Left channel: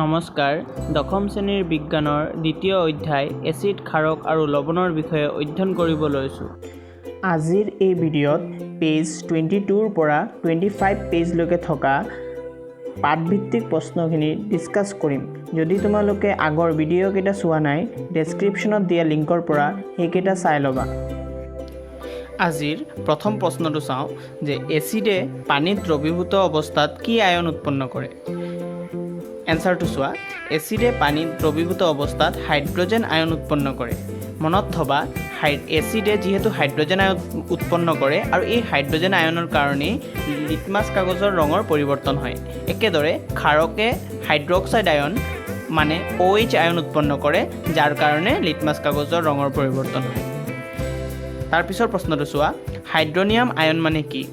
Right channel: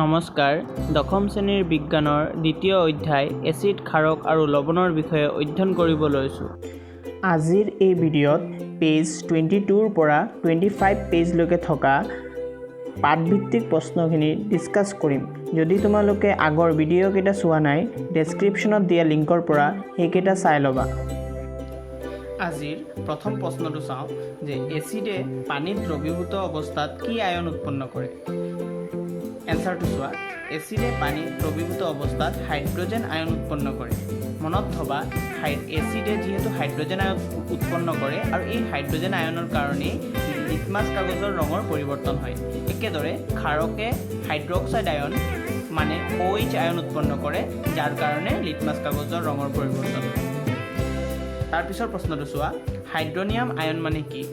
নমস্কাৰ, দশম শ্ৰেণীৰ বিজ্ঞানৰ দ্বিতীয় অধ্যায় এচিড, ক্ষাৰক আৰু লৱণৰ বিষয়ে অধ্যয়ন কৰিব লৈছোঁ। আজিৰ এই ভিডিঅ'ত পেজ 22ৰ পৰা 25 পেজলৈকে থকা পাঠভিত্তিক প্ৰশ্নখিনি ডিছকাছ কৰিম। যদি তোমালোকে আগৰ ভিডিঅ'কেইটা চোৱা নাই, ডেছক্ৰিপশ্যনত দিয়া লিংকৰ পৰা সেইকেইটা চাই ল'বা। আজিৰ প্ৰথম প্ৰশ্নটো চাওঁ যে এচিডে পানীত দ্ৰৱীভূত অৱস্থাত কি আয়ন উৎপন্ন কৰে? এনচাৰটো চোৱা, এচিডে পানীত দ্ৰৱীভূত অৱস্থাত হাইড্ৰজেন আয়ন উৎপন্ন কৰে। মনত থবা, এচিডে যিহেতু হাইড্ৰজেন আয়ন উৎপন্ন কৰে আৰু এই হাইড্ৰজেন আয়নৰ কাৰণেই লিটমাছ কাগজৰ ৰঙৰ পৰিৱৰ্তন হয়। একেদৰে ক্ষাৰকে হাইড্ৰক্সাইড আয়ন মানে OH আয়ন উৎপন্ন কৰে, যাৰ কাৰণে লিটমাছ কাগজৰ ৰঙৰ পৰিৱৰ্তন হয়। তাৰপিছৰ প্ৰশ্নটো চোৱা, হাইড্ৰনিয়াম আয়ন মানে কি?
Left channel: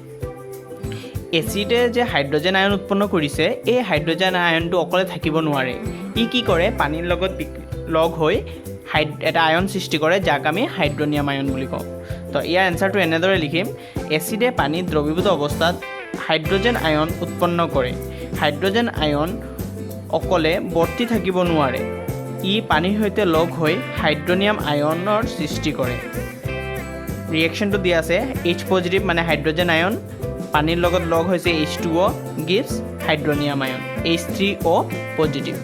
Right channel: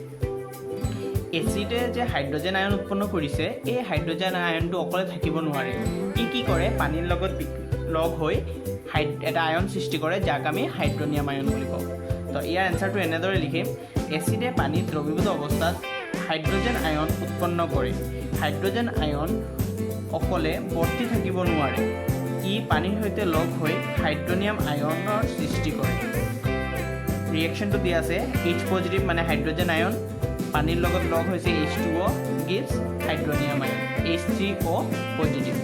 এচিডে যে হাইড্ৰজেন আয়ন উৎপন্ন কৰিছে, এই হাইড্ৰজেন আয়নটো অকলে থাকিব নোৱাৰে। ই কি কৰে, পানীৰ লগত লগ হৈ এটা আয়ন সৃষ্টি কৰে, যাক আমি হাইড্ৰনিয়াম আয়ন বুলি কওঁ। তো ইয়াৰ এনচাৰটো এনেদৰে লিখিম, এচিডে পানীত দ্ৰৱীভূত অৱস্থাত হাইড্ৰজেন আয়ন উৎপন্ন কৰে। হাইড্ৰজেন আয়ন অকলে বৰ্তি থাকিব নোৱাৰে, ই পানীৰ সৈতে লগ হৈ হাইড্ৰনিয়াম আয়নৰ সৃষ্টি কৰে। ৰিয়েকশ্যনটো দিয়া আছে, H পজিটিভ মানে হাইড্ৰজেন আয়ন, পানীৰ লগত লগ হৈছে H2O গিভছ হাইড্ৰনিয়াম আয়ন, H3O পজিটিভ।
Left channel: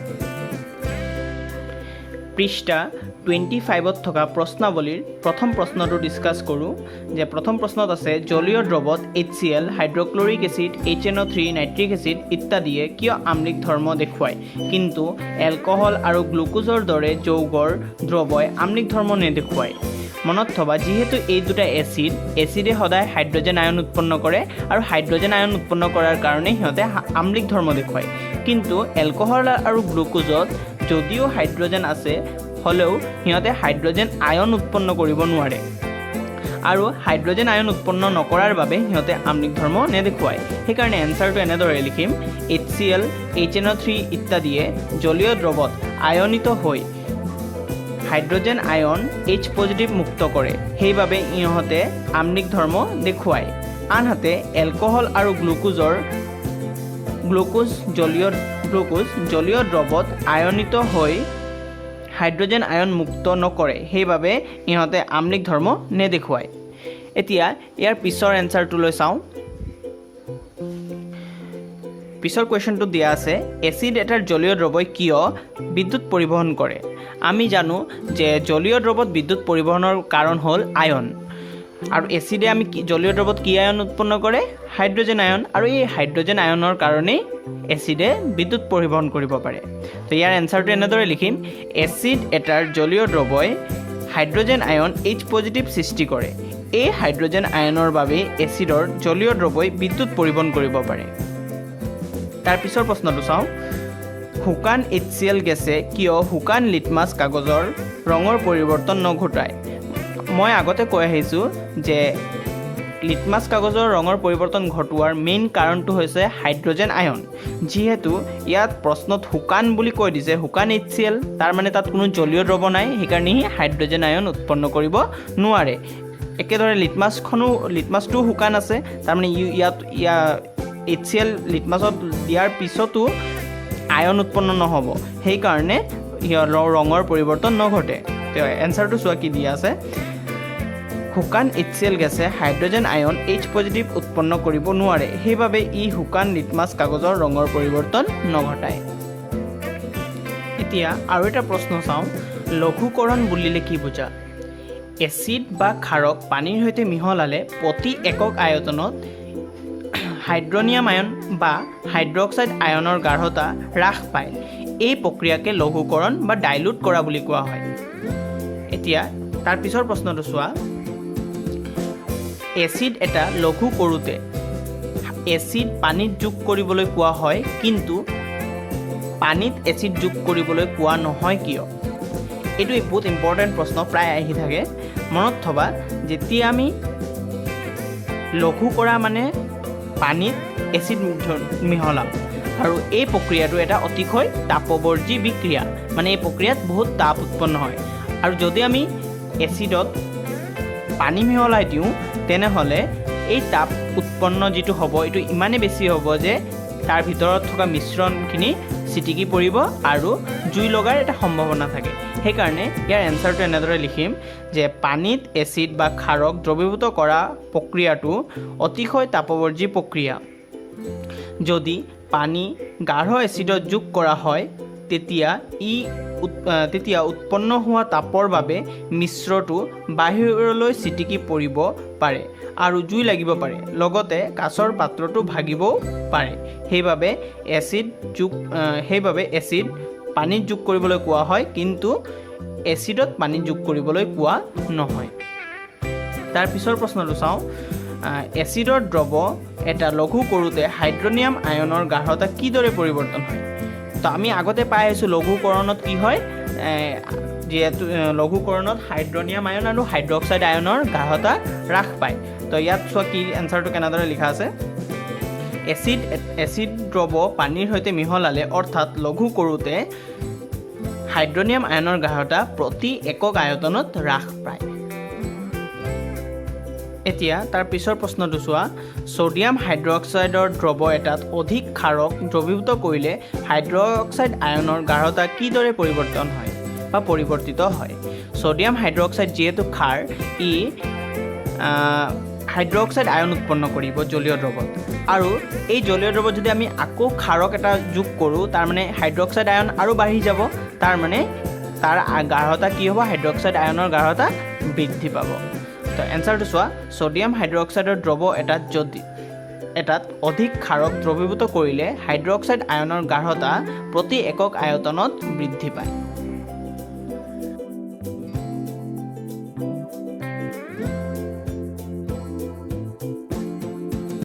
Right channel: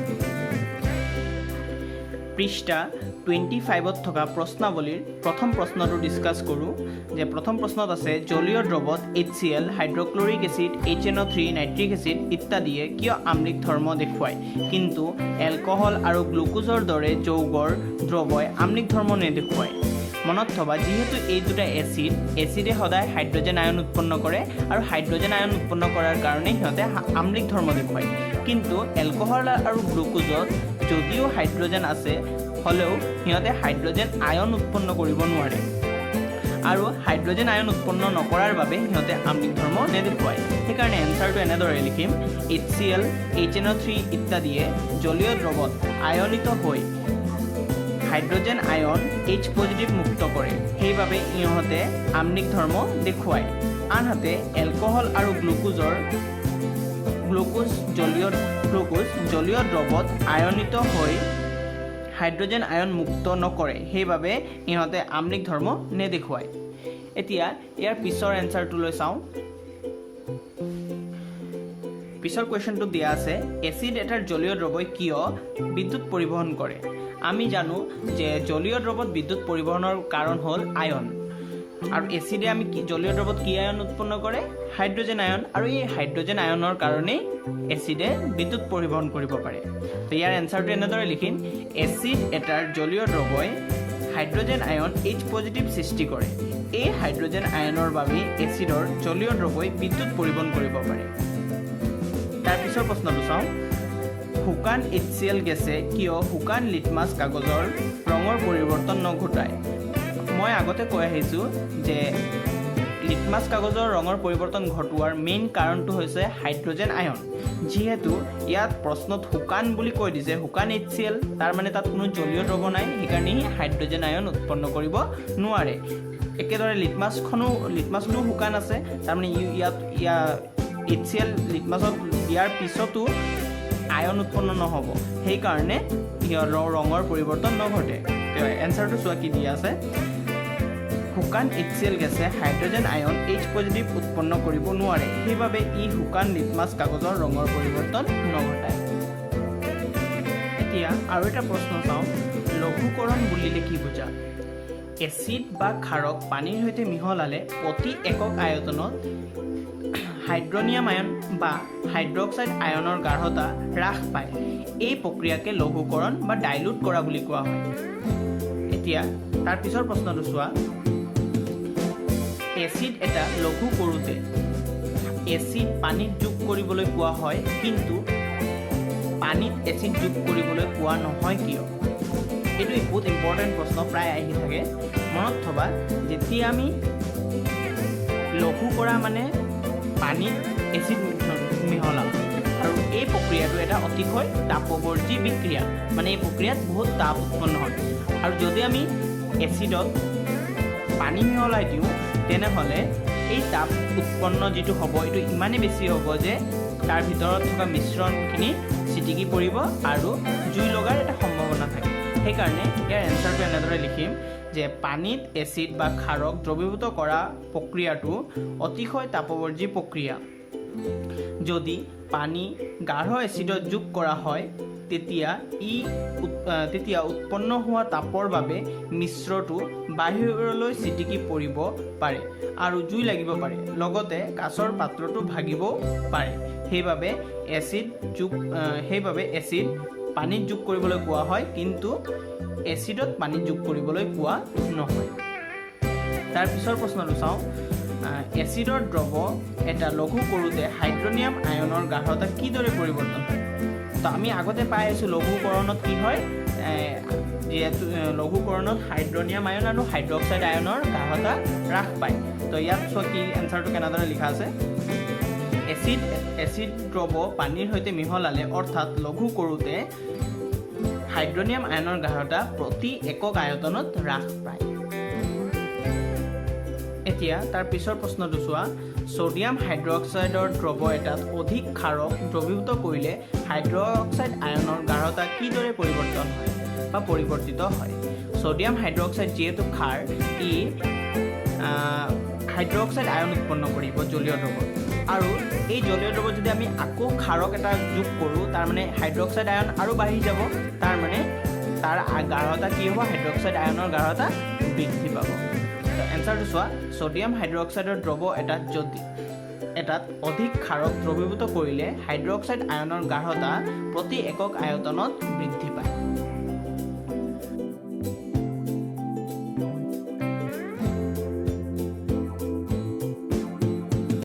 পৃষ্ঠা 25ত থকা প্ৰশ্নাৱলীৰ প্ৰথম প্ৰশ্নটো ডিছকাছ কৰোঁ। যে প্ৰথম প্ৰশ্নত আছে, জলীয় দ্ৰৱত HCl, hydrochloric acid, HNO3, nitric acid ইত্যাদিয়ে কিয় আম্লিক ধৰ্ম দেখুৱায়, কিন্তু এলকহল আৰু গ্লুকোজৰ দৰে যৌগৰ দ্ৰৱই আম্লিক ধৰ্ম নেদেখুৱায়? মনত থবা, যিহেতু এই দুটা এচিডে সদায় হাইড্ৰজেন আয়ন উৎপন্ন কৰে আৰু হাইড্ৰজেন আয়ন উৎপন্ন কৰাৰ কাৰণে সিহঁতে আম্লিক ধৰ্ম দেখুৱায়। কিন্তু এলকহল আৰু গ্লুকোজত যদিও হাইড্ৰজেন আছে, হ'লেও সিহঁতে হাইড্ৰজেন আয়ন উৎপন্ন কৰিব নোৱাৰে আৰু হাইড্ৰজেন আয়ন উৎপন্ন নকৰাৰ বাবে সিহঁতে আম্লিক ধৰ্ম নেদেখুৱায়। সেইকাৰণে এনচাৰটো এনেদৰে লিখিম, HCl, HNO3 ইত্যাদিয়ে জলীয় দ্ৰৱত আয়নিত হৈ হাইড্ৰজেন আয়ন H পজিটিভ মুক্ত কৰে, সেইবাবে ইহঁতে আম্লিক ধৰ্ম দেখুৱায়। আনহাতে এলকহল আৰু গ্লুকোজ জলীয় দ্ৰৱত আয়নিত হৈ হাইড্ৰজেন আয়ন মুক্ত নকৰে, সেইবাবে ইহঁতে আম্লিক ধৰ্ম নেদেখুৱায়। এতিয়া ইয়াৰ পিছৰ এনচাৰটোলৈ চাওঁ। পিছৰ কুৱেশ্যনটো দিয়া আছে, এচিড এটাৰ জলীয় দ্ৰৱই কিয় বিদ্যুৎ পৰিবহণ কৰে? আমি জানো যে জলীয় দ্ৰৱত বিদ্যুৎ পৰিবহণৰ কাৰণ হ'ল আয়ন, আৰু এচিডে আমি জলীয় দ্ৰৱত কি আয়ন উৎপন্ন কৰে? হাইড্ৰজেন আয়ন, আৰু এই হাইড্ৰজেন আয়নৰ কাৰণেই এচিডে বিদ্যুৎ পৰিবহণ কৰিব পাৰে। তো ইয়াৰ এনচাৰটো এনেদৰে লিখিম, এচিড এটাৰ জলীয় দ্ৰৱই হাইড্ৰজেন আয়ন H পজিটিভ সৃষ্টি কৰে। এই হাইড্ৰজেন আয়নৰ বাবেই এচিডৰ জলীয় দ্ৰৱই বিদ্যুৎ পৰিবহণ কৰিব পাৰে। তাৰ পিছৰ প্ৰশ্নটো চাওঁ, শুকান HCl গেছে কিয় শুকান লিটমাছ কাগজৰ ৰঙৰ পৰিৱৰ্তন নঘটায়? মই আগতে কৈ আহিছোঁ যে লিটমাছ কাগজৰ ৰঙৰ পৰিৱৰ্তন ঘটোৱাৰ মেইন কাৰণটো হৈছে হাইড্ৰজেন আয়ন। যিহেতু ইয়াত প্ৰশ্নত শুকান বুলি কৈ দিছে, শুকান HCl, তাৰ মানে তাত কোনো জলীয় দ্ৰৱ নাই, সেইকাৰণে হাইড্ৰজেন আয়ন উৎপন্ন কৰিব নোৱাৰে। একেদৰে লিটমাছটোও শুকান আছে, তাৰমানে ইয়াত HCl লিটমাছত দিয়াৰ পিছতো আয়ন উৎপন্ন নহ'ব, সেইকাৰণে ৰঙৰ পৰিৱৰ্তন নঘটে। এনচাৰটো চোৱা কি দিয়া আছে, শুকান HCl গেছে হাইড্ৰজেন আয়ন H পজিটিভ উৎপন্ন কৰিব নোৱাৰে, সেইবাবে ই শুকান লিটমাছ কাগজৰ ৰঙৰ পৰিৱৰ্তন নঘটায়। এতিয়া আৰু এটা প্ৰশ্ন চাওঁ, লঘুকৰণ বুলিলে কি বুজা? এচিড বা ক্ষাৰক পানীৰ সৈতে মিহলালে প্ৰতি একক আয়তনত হাইড্ৰনিয়াম আয়ন বা হাইড্ৰক্সাইড আয়নৰ গাঢ়তা হ্ৰাস পায়। এই প্ৰক্ৰিয়াকে লঘুকৰণ বা ডাইলুট কৰা বুলি কোৱা হয়। এতিয়া তাৰ পিছৰ প্ৰশ্নটো চোৱা, এচিড এটা লঘু কৰোঁতে এচিড পানীত যোগ কৰিবলৈ কোৱা হয়, কিন্তু পানীত এচিড যোগ কৰিবলৈ কোৱা নহয় কিয়? এইটো বহুত ইম্পৰ্টেণ্ট প্ৰশ্ন, প্ৰায় আহি থাকে। মনত থবা, যেতিয়া আমি লঘু কৰা মানে পানীত এচিড মিহলাম, আৰু এই প্ৰক্ৰিয়াটো এটা অতিশয় তাপবৰ্জী বিক্ৰিয়া, মানে এই প্ৰক্ৰিয়াত বহুত তাপ উৎপন্ন হয়। আৰু যদি আমি এচিডত পানী মিহলাই দিওঁ, তেনেহ'লে এই তাপ উৎপন্ন যিটো হ'ব, এইটো ইমানেই বেছি হ'ব যে তাৰ ভিতৰত থকা মিশ্ৰণখিনি ছিটিকি পৰিব আৰু জুই লগাৰ এটা সম্ভাৱনা থাকে। সেইকাৰণে ইয়াৰ এনচাৰটো এনেদৰে লিখিম যে পানীত এচিড বা ক্ষাৰক দ্ৰৱীভূত কৰা প্ৰক্ৰিয়াটো অতিশয় তাপবৰ্জী প্ৰক্ৰিয়া। যদি পানী গাঢ় এচিডত যোগ কৰা হয় তেতিয়া উৎপন্ন হোৱা তাপৰ বাবে মিশ্ৰটো বাহিৰলৈ ছিটিকি পৰিব পাৰে আৰু জুই লাগিব পাৰে, লগতে কাঁচৰ পাত্ৰটো ভাগিবও পাৰে। সেইবাবে এচিড পানীত যোগ কৰিবলৈ কোৱা হয়, কিন্তু এচিডত পানীত যোগ কৰিবলৈ কোৱা নহয়। তাৰ পিছৰ প্ৰশ্নটো চাওঁ। এচিডৰ দ্ৰৱ এটা লঘু কৰোঁতে হাইড্ৰনিয়াম আয়নৰ গাঢ়তা কিদৰে পৰিৱৰ্তন হয়? তো আমি আগতে পাই আহিছোঁ লঘুকৰণত কি হয়, যিহেতু লঘুকৰণত হাইড্ৰনিয়াম আয়ন আৰু হাইড্ৰক্সাইড আয়নৰ গাঢ়তা হ্ৰাস পায়। তো ইয়াত চোৱা কি এনচাৰটো কেনেদৰে লিখা আছে। এচিড দ্ৰৱ পানীৰ সৈতে মিহলালে অৰ্থাৎ লঘু কৰোঁতে হাইড্ৰনিয়াম আয়নৰ গাঢ়তা প্ৰতি একক আয়তনত হ্ৰাস পায়। এতিয়া তাৰ পিছৰ প্ৰশ্নটো চোৱা। ছ'ডিয়াম হাইড্ৰক্সাইডৰ দ্ৰৱ এটাত অধিক ক্ষাৰক দ্ৰৱীভূত কৰিলে হাইড্ৰক্সাইড আয়নৰ গাঢ়তা কিদৰে পৰিৱৰ্তিত হয়? ছ'ডিয়াম হাইড্ৰক্সাইড যিহেতু ক্ষাৰ, ই হাইড্ৰক্সাইড আয়ন উৎপন্ন কৰিব জলীয় দ্ৰৱত, আৰু এই জলীয় দ্ৰৱত যদি আমি আকৌ ক্ষাৰক এটা যোগ কৰোঁ, তাৰমানে হাইড্ৰক্সাইড আয়ন আৰু বাঢ়ি যাব, তাৰমানে তাৰ গাঢ়তা কি হ'ব, হাইড্ৰক্সাইড আয়নৰ গাঢ়তা বৃদ্ধি পাব। তো এনচাৰটো চোৱা। ছ'ডিয়াম হাইড্ৰক্সাইডৰ দ্ৰৱ এটাত অধিক ক্ষাৰক দ্ৰৱীভূত কৰিলে হাইড্ৰক্সাইড আয়নৰ গাঢ়তা প্ৰতি একক আয়তনত বৃদ্ধি পায়।